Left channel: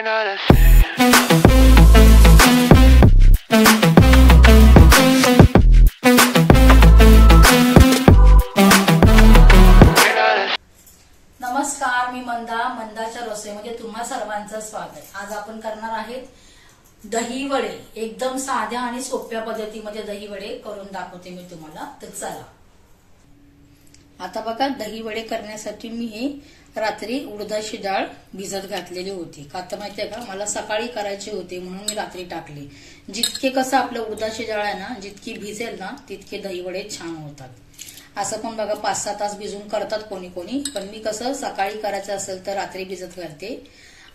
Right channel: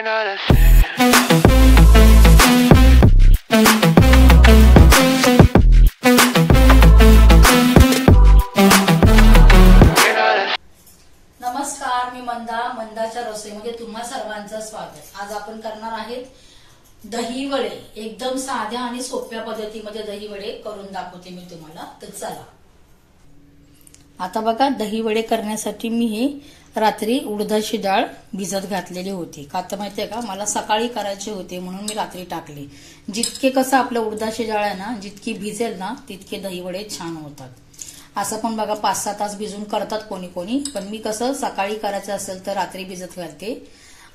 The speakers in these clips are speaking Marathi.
नमस्कार, मी मंदाच्या रसोईमध्ये तुम्हा सर्वांचं स्वागत। आज आपण करणार आहेत दही वडे। एकदम साध्या आणि सोप्या पद्धतीमध्ये दही वडे करून दाखवते मी तुम्हाला। तर चला आता बघा, दही वडे करण्यासाठी मी हे रात्री उडदाची डाळ भिजत घातलेली होती। का तर माहितीये का, मला सकाळी करायचे होते म्हणून मी रात्री टाकली। जितके कसं आपलं उडदाची डाळ आहे ना, जितकी भिजेल ना तितके दही वडे छान होतात। असं पण बघा 5-6 तास भिजून करतात कोणी कोणी, पण मी कसं सकाळी करायचं असेल तर रात्री भिजत घालते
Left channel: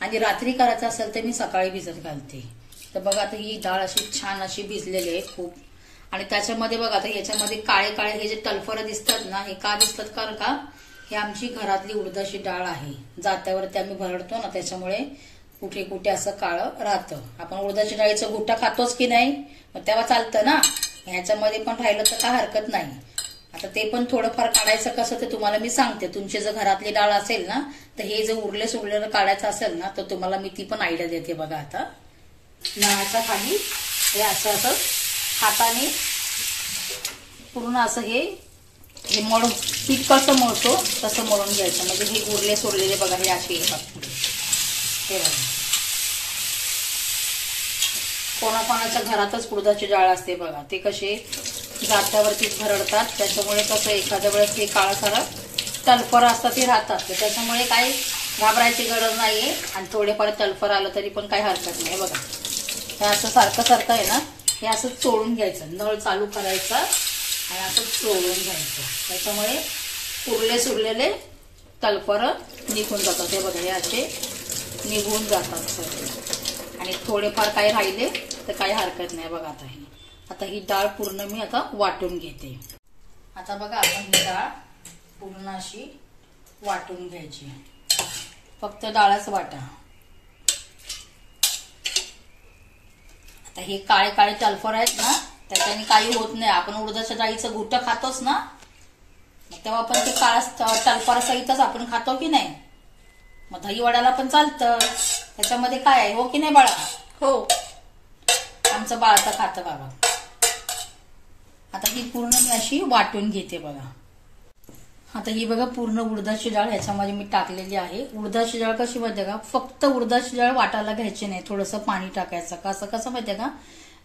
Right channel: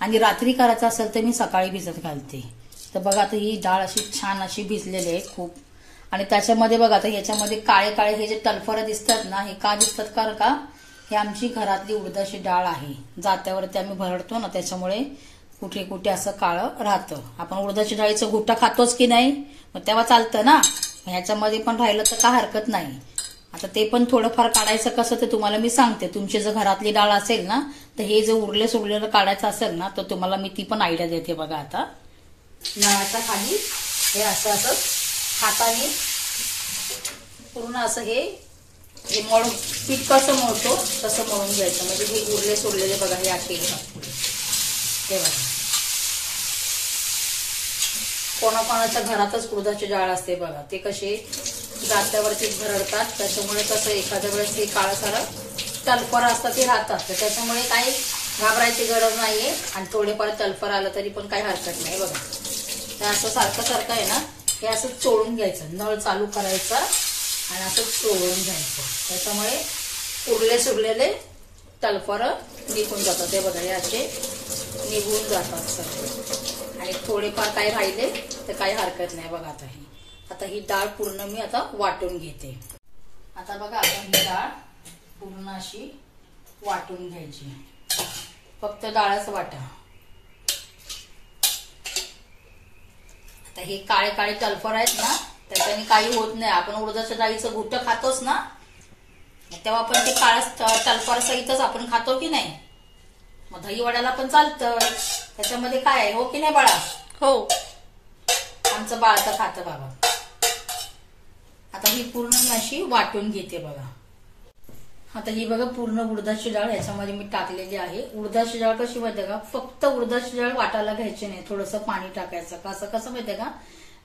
आणि रात्री करायचं असेल तर मी सकाळी भिजत घालते। तर बघा आता ही डाळ अशी छान अशी भिजलेली आहे खूप। आणि त्याच्यामध्ये बघा आता याच्यामध्ये काळे काळे हे जे टलफर दिसतात ना, हे का दिसतात कारण का हे आमची घरातली उडदाची डाळ आहे। जात्यावरती आम्ही भरडतो ना, त्याच्यामुळे कुठे कुठे असं काळं राहतं। आपण उडदाची डाळीचं घुट्टा खातोच की नाही, मग तेव्हा चालतं ना, ह्याच्यामध्ये पण राहिलं तर काय हरकत नाही। आता ते पण थोडंफार काढायचं कसं ते तुम्हाला मी सांगते। तुमची जर घरातली डाळ असेल ना, तर हे जे उरले सोडलेलं काढायचं असेल ना, तर तुम्हाला मी ती पण आयडिया देते। बघा आता नळाच्या खाली हे असं असं हाताने पूर्ण असं हे मळून पीठ कसं मळतो तसं मळून घ्यायचं। म्हणजे हे उरले सोडलेले बघा हे असे येतात। हे बघा कोणाकोणाच्या घरातच उडदाची डाळ असते बघा, ते कसे जात्यावरती भरडतात, त्याच्यामुळे कसं एखाद्या वेळेस ते काळा सारा टलफर असतात ते राहतात। तर त्याच्यामुळे काही घाबरायची गरज नाहीये आणि थोडेफार टलफर आलं तरी पण काही हरकत नाही। बघा हे असं सारखं सारखं आहे ना, हे असं चोळून घ्यायचं, नळ चालू करायचा आणि असं चोळून घ्यायचं। त्याच्यामुळे उरले सुरलेले टलफर निघून जातात। ते बघा हे असे निघून जातात सगळे आणि थोडेफार काही राहिले तर काही हरकत नाही। बघा आता ही डाळ पूर्ण मी आता वाटून घेते। आता बघा आता ही डाळ पूर्ण अशी वाटून घ्यायची, फक्त डाळच वाटा। आता हे काळे काळे टलफर आहेत ना, त्याच्याने काही होत नाही। आपण उडदाच्या डाळीचं घुट्ट खातोच ना, तेव्हा पण ते काळा टलफर सहितच आपण खातो की नाही। मग दही वड्याला पण चालतं, त्याच्यामध्ये काय आहे, हो की नाही बाळा? हो, आमचं बाळ तर खातं बाबा। आता ही पूर्ण मी अशी वाटून घेते बघा। आता ही बघा पूर्ण उडदाची डाळ ह्याच्यामध्ये मी टाकलेली आहे। उडदाची डाळ कशी माहितीये का, फक्त उडदाची डाळ वाटायला घ्यायची नाही, थोडंसं पाणी टाकायचं। कसं माहितीये का,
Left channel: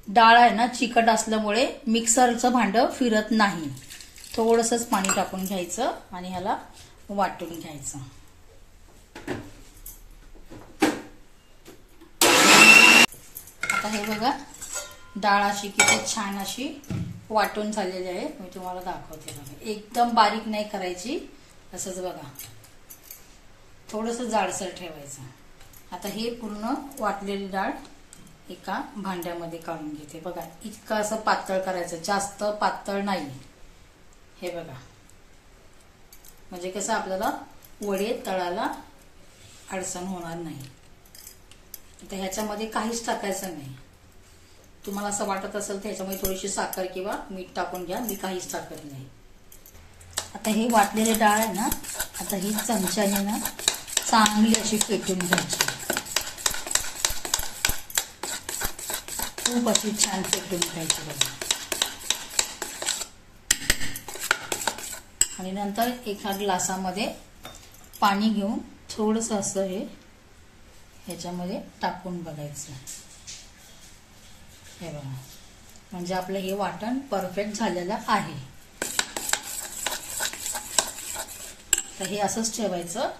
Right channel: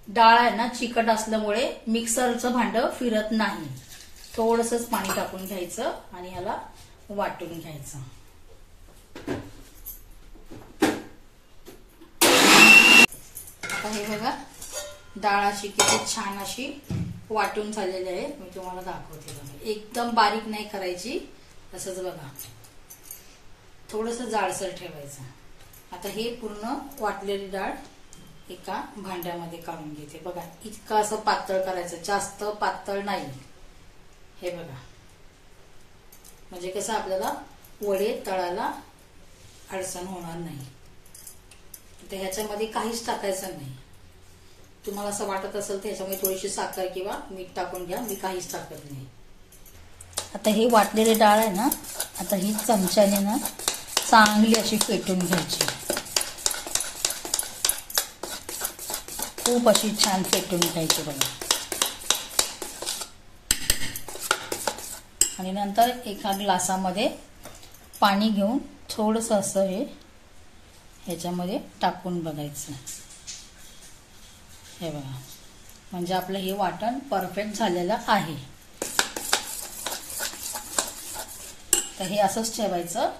डाळ आहे ना चिकट असल्यामुळे मिक्सरचं भांडं फिरत नाही। थोडंसंच पाणी टाकून घ्यायचं आणि ह्याला वाटून घ्यायचं। आता हे बघा डाळ अशी किती छान अशी वाटून झालेली आहे, मी तुम्हाला दाखवते बघा। एकदम बारीक नाही करायची, तसंच बघा थोडंसं जाडसर ठेवायचं। आता हे पूर्ण वाटलेली डाळ एका भांड्यामध्ये काढून घेते। बघा इतकं असं पातळ करायचं, जास्त पातळ नाही। हे बघा म्हणजे कसं आपल्याला वडे तळाला अडचण होणार नाही। तर ह्याच्यामध्ये काहीच टाकायचं नाही। तुम्हाला असं वाटत असेल तर ह्याच्यामध्ये थोडीशी साखर किंवा मीठ टाकून घ्या, मी काहीच टाकत नाही। आता हे वाटलेली डाळ आहे ना, आता ही चमच्याने ना चांगली अशी फेटून घ्यायची, खूप अशी छान फेटून घ्यायची बघा। आणि नंतर एका ग्लासामध्ये पाणी घेऊन थोडंसं असं हे ह्याच्यामध्ये टाकून बघायचं। हे बघा म्हणजे आपलं हे वाटण परफेक्ट झालेलं आहे। तर हे असंच ठेवायचं,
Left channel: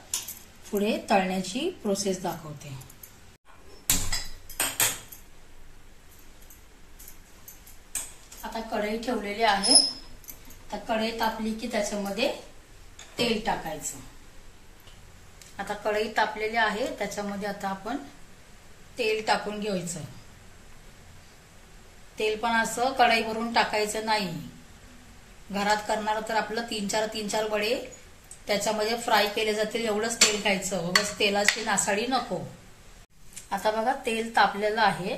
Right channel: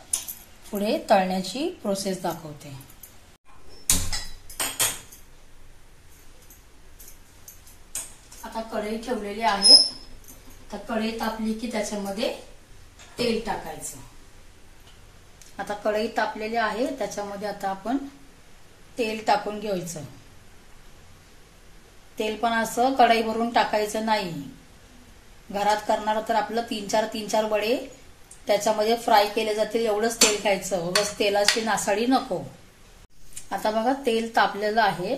पुढे तळण्याची प्रोसेस दाखवते। आता कढई ठेवलेली आहे। तर कढई तापली की त्याच्यामध्ये तेल टाकायचं। आता कढई तापलेली आहे, त्याच्यामध्ये आता आपण तेल टाकून घ्यायचं। तेल पण असं कढई भरून टाकायचं नाही। घरात करणार तर आपलं 3-4 वडे त्याच्यामध्ये फ्राय केले जातील एवढंच तेल खायचं, बस तेलाची नासाडी नको। आता बघा तेल तापलेलं आहे।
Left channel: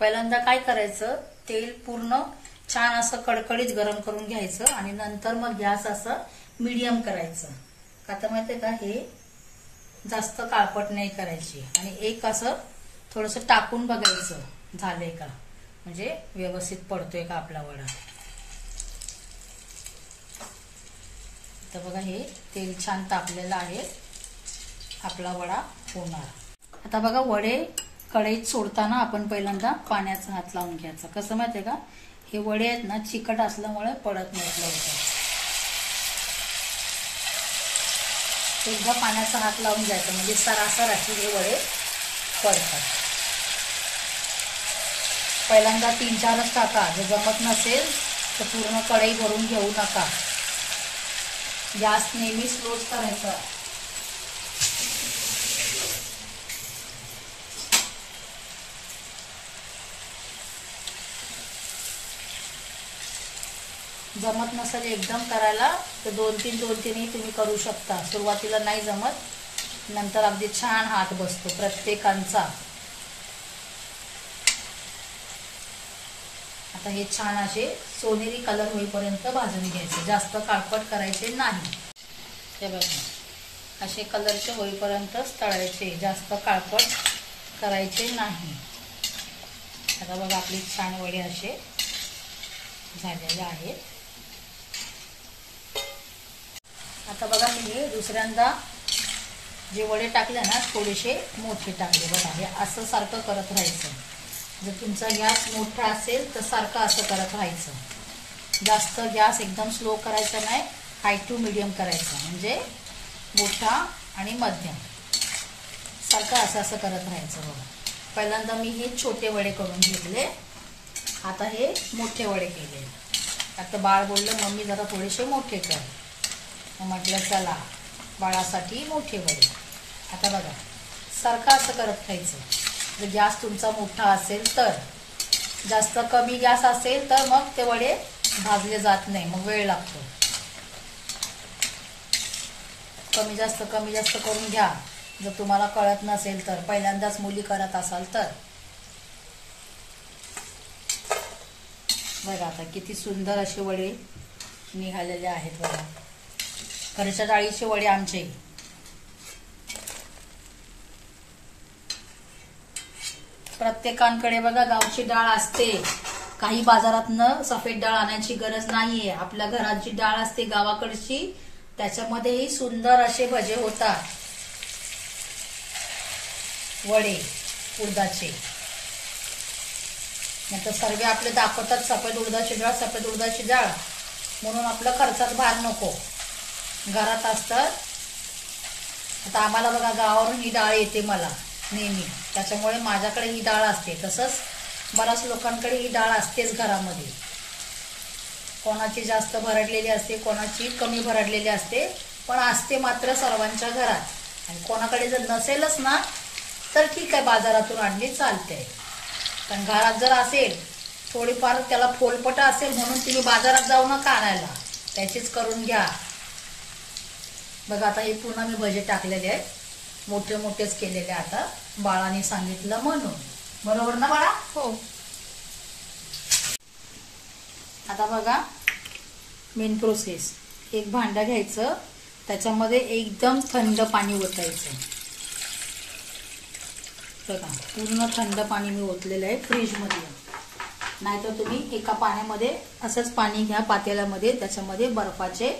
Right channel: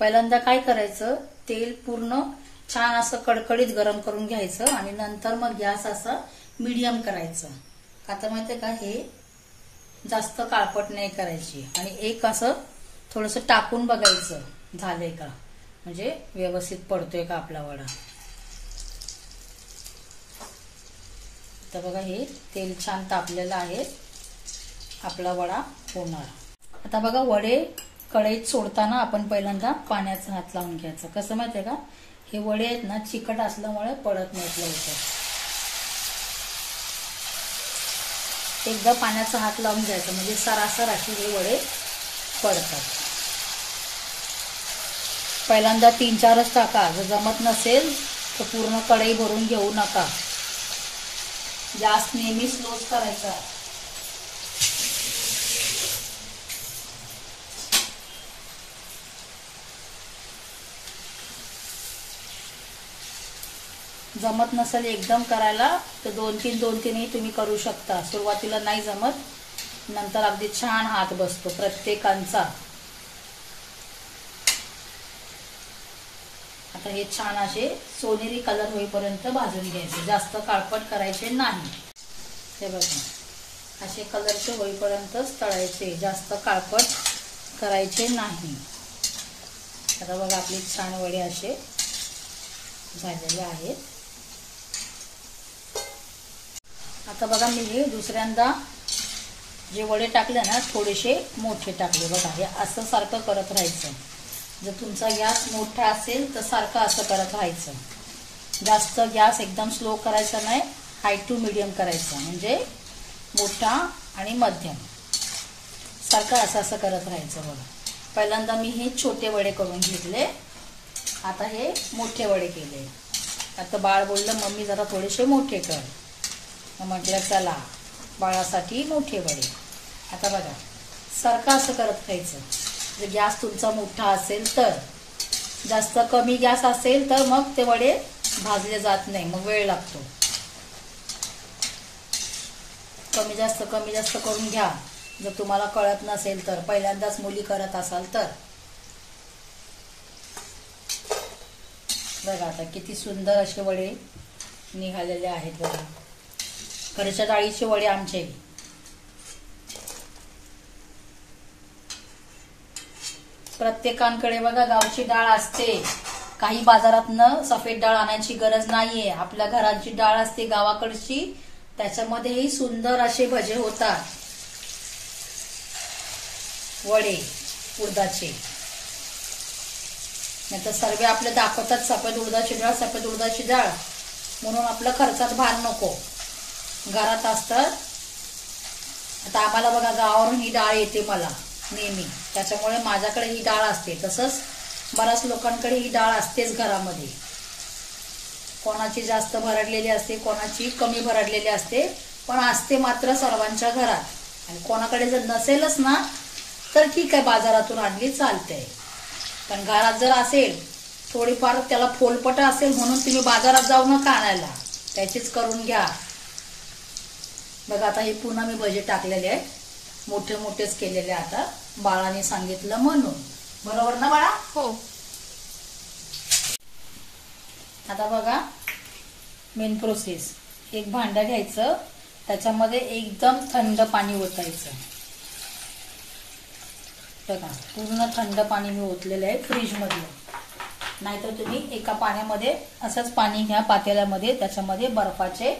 पहिल्यांदा काय करायचं, तेल पूर्ण छान असं कडकडीत गरम करून घ्यायचं आणि नंतर मग गॅस असा मीडियम करायचं। आता माहितीये का, हे जास्त काळपट नाही करायची आणि एक असं थोडस टाकून बघायचं झालंय का, म्हणजे व्यवस्थित पडतोय का आपला वडा. तर बघा हे तेल छान तापलेलं आहे, आपला वडा होणार. आता बघा वडे कढईत सोडताना आपण पहिल्यांदा पाण्याचा हात लावून घ्यायचा. कसं माहितीये का, हे वडे आहेत ना चिकट असल्यामुळे पडत नाहीत लवकर. एकदा पाण्याचा हात लावून घ्यायचा म्हणजे सरासर अशी हे वडे पडतात. पहिल्यांदा 3-4च टाका, जर जमत नसेल तर पूर्ण कढई भरून घेऊ नका. गॅस नेहमी स्लोच करायचा. जमत नसेल एकदम करायला तर 2-3 तुम्ही करू शकता. सुरुवातीला नाही जमत, नंतर अगदी छान हात बसतो प्रत्येकांचा. आता हे छान असे सोनेरी कलर होईपर्यंत भाजून घ्यायचे, जास्त काळपट करायचे नाही. हे बघा असे कलरचे होईपर्यंतच तळायचे, जास्त काळपट करायचे नाही. आता बघा आपले छान वडे असे झालेले आहेत. आता बघा मी हे दुसऱ्यांदा जे वडे टाकले ना थोडेसे मोठे टाकले. बघा हे असं सारखं करत राहायचं. जर तुमचा गॅस मोठा असेल तर सारखं असं करत राहायचं. जास्त गॅस एकदम स्लो करायचा नाही, हाय टू मीडियम करायचं, म्हणजे मोठा आणि मध्यम सारखं असं करत राहायचं. बघा पहिल्यांदा मी हे छोटे वडे करून घेतले, आता हे मोठे वडे केले. आता बाळ बोललं मम्मी जरा थोडेसे मोठे कर, म्हटलं चला बाळासाठी मोठे वडे. आता बघा सारखं असं करत खायचं. जर गॅस तुमचा मोठा असेल तर, जास्त कमी गॅस असेल तर मग ते वडे भाजले जात नाही, मग वेळ लागतो. कमी जास्त करून घ्या जर तुम्हाला कळत नसेल तर, पहिल्यांदाच मुली करत असाल तर. बघा आता किती सुंदर असे वडे निघालेले आहेत. बघा घरच्या डाळीचे वडे आमचे. प्रत्येकांकडे बघा गावची डाळ असते, काही बाजारातनं सफेद डाळ आणायची गरज नाहीये. आपल्या घराची डाळ असते गावाकडची, त्याच्यामध्येही सुंदर असे भजे होतात, वडे उडदाचे. नाही तर सर्व आपले दाखवतात सफेद उडदाची डाळ म्हणून आपल्या खर्चात भार नको, घरात असतात. आता आम्हाला बघा गावावरून ही डाळ येते मला नेहमी, त्याच्यामुळे माझ्याकडे ही डाळ असते. तसंच बऱ्याच लोकांकडे ही डाळ असतेच घरामध्ये. कोणाची जास्त भरडलेली असते, कोणाची कमी भरडलेली असते, पण असते मात्र सर्वांच्या घरात. आणि कोणाकडे जर नसेलच ना तर ठीक आहे, बाजारातून आणली चालते. पण घरात जर असेल थोडीफार त्याला फोलपट असेल म्हणून तुम्ही बाजारात जाऊ नका आणायला, त्याचीच करून घ्या. बघा आता हे पुन्हा मी भजे टाकलेले आहेत, मोठे मोठेच केलेले. आता बाळाने सांगितलं म्हणून, बरोबर ना बाळा? हो. आता बघा मेन प्रोसेस, एक भांडं घ्यायचं, त्याच्यामध्ये एकदम थंड पाणी ओतायचं. बघा पूर्ण थंड पाणी मी ओतलेलं आहे फ्रीजमधलं. नाहीतर तुम्ही एका पाण्यामध्ये असंच पाणी घ्या पातेल्यामध्ये, त्याच्यामध्ये बर्फाचे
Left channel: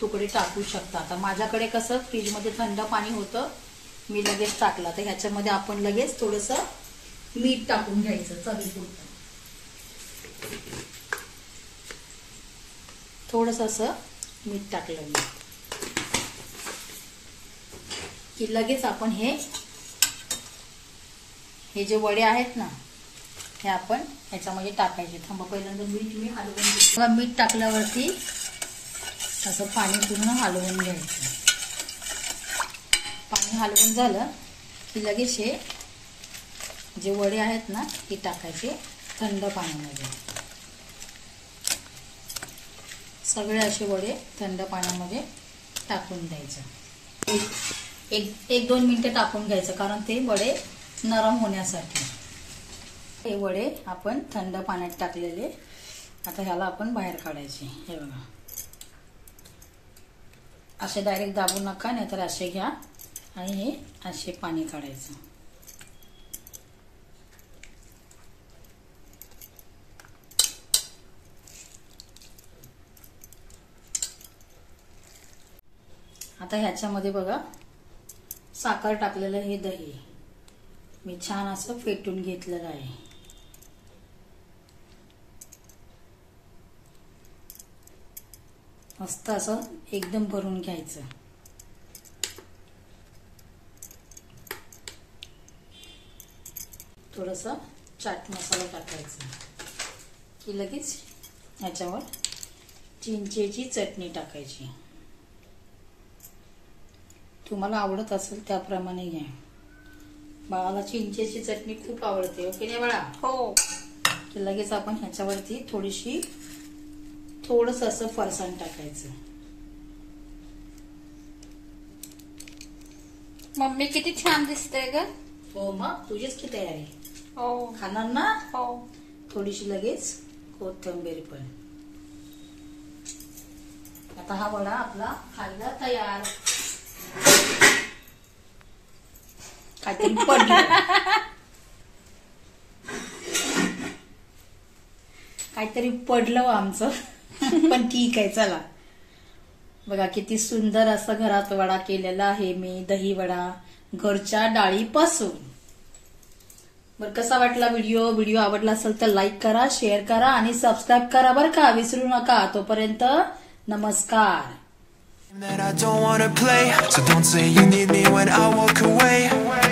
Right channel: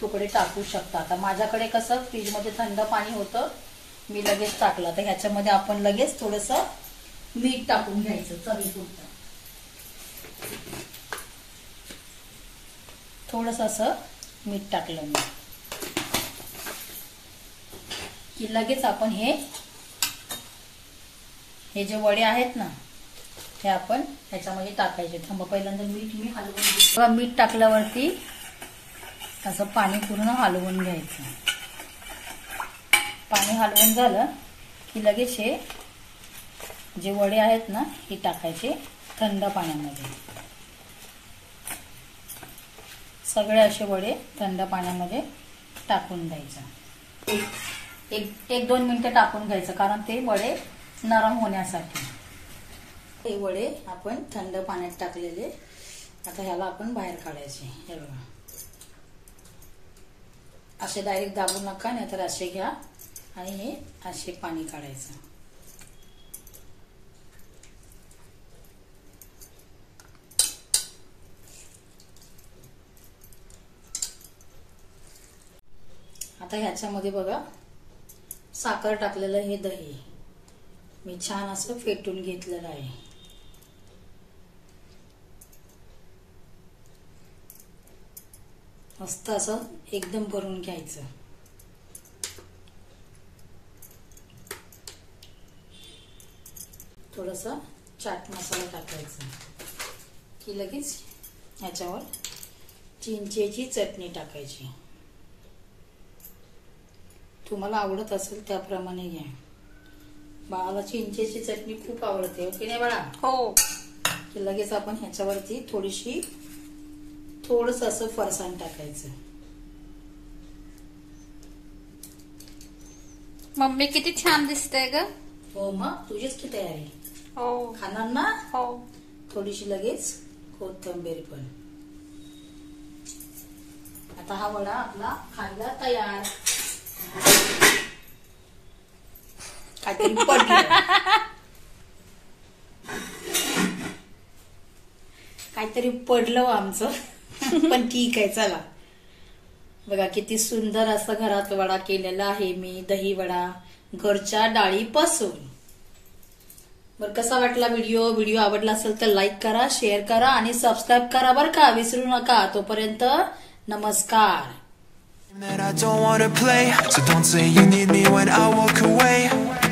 तुकडे टाकू शकता. आता माझ्याकडे कसं फ्रीजमध्ये थंड पाणी होतं, मी लगेच टाकलं. तर ह्याच्यामध्ये आपण लगेच थोडंसं मीठ टाकून घ्यायचं चवीपुरतं. थोडंसं असं मीठ टाकलं मी की लगेच आपण हे जे वडे आहेत ना हे आपण ह्याच्यामध्ये टाकायचे. थांबा पहिल्यांदा मीठ मी हलवून, मीठ टाकल्यावरती असं पाणी पूर्ण हलवून घ्यायचं. पाणी हलवून झालं की लगेच हे जे वडे आहेत ना हे टाकायचे थंड पाण्यामध्ये. सगळे असे वडे थंड पाण्यामध्ये टाकून द्यायचं. 1-2 मिनिटं टाकून घ्यायचं, कारण ते वडे नरम होण्यासाठी. हे वडे आपण थंड पाण्यात टाकलेले. आता ह्याला आपण बाहेर काढायचे. हे बघा असे डायरेक्ट दाबू नका, नाहीतर असे घ्या आणि हे असे पाणी काढायचं. आता ह्याच्यामध्ये बघा साखर टाकलेलं हे दही मी छान असं फेटून घेतलेलं आहे. मस्त असं एकदम भरून घ्यायचं. थोडासा चाट मसाला टाकायचा की लगेच ह्याच्यावर चिंचेची चटणी टाकायची. तुम्हाला आवडत असेल त्याप्रमाणे घ्या. बाळाला चिंचेची चटणी खूप आवडते, ओके नाही बाळा? हो. की लगेच आपण ह्याच्यावरती थोडस असं फरसाण टाकायचं. मम्मी किती छान दिसते ग. हो मग तुझीच की तयारी. हो. खाणार ना? हो. थोडीशी लगेच कोथिंबीर पण. आता हा वडा आपला खायला तयार. काहीतरी पडलं, काहीतरी पडलं आमचं. पण ठीक आहे चला. बघा किती सुंदर असं घरात वडा केलेला आहे मी, दही वडा घरच्या डाळीपासून. बरं कसा वाटला व्हिडिओ आवडला असेल तर लाईक करा, शेअर करा आणि सबस्क्राईब करा बरं का, विसरू नका. तोपर्यंत नमस्कार. That I don't wanna play, so don't say you need me when I walk away.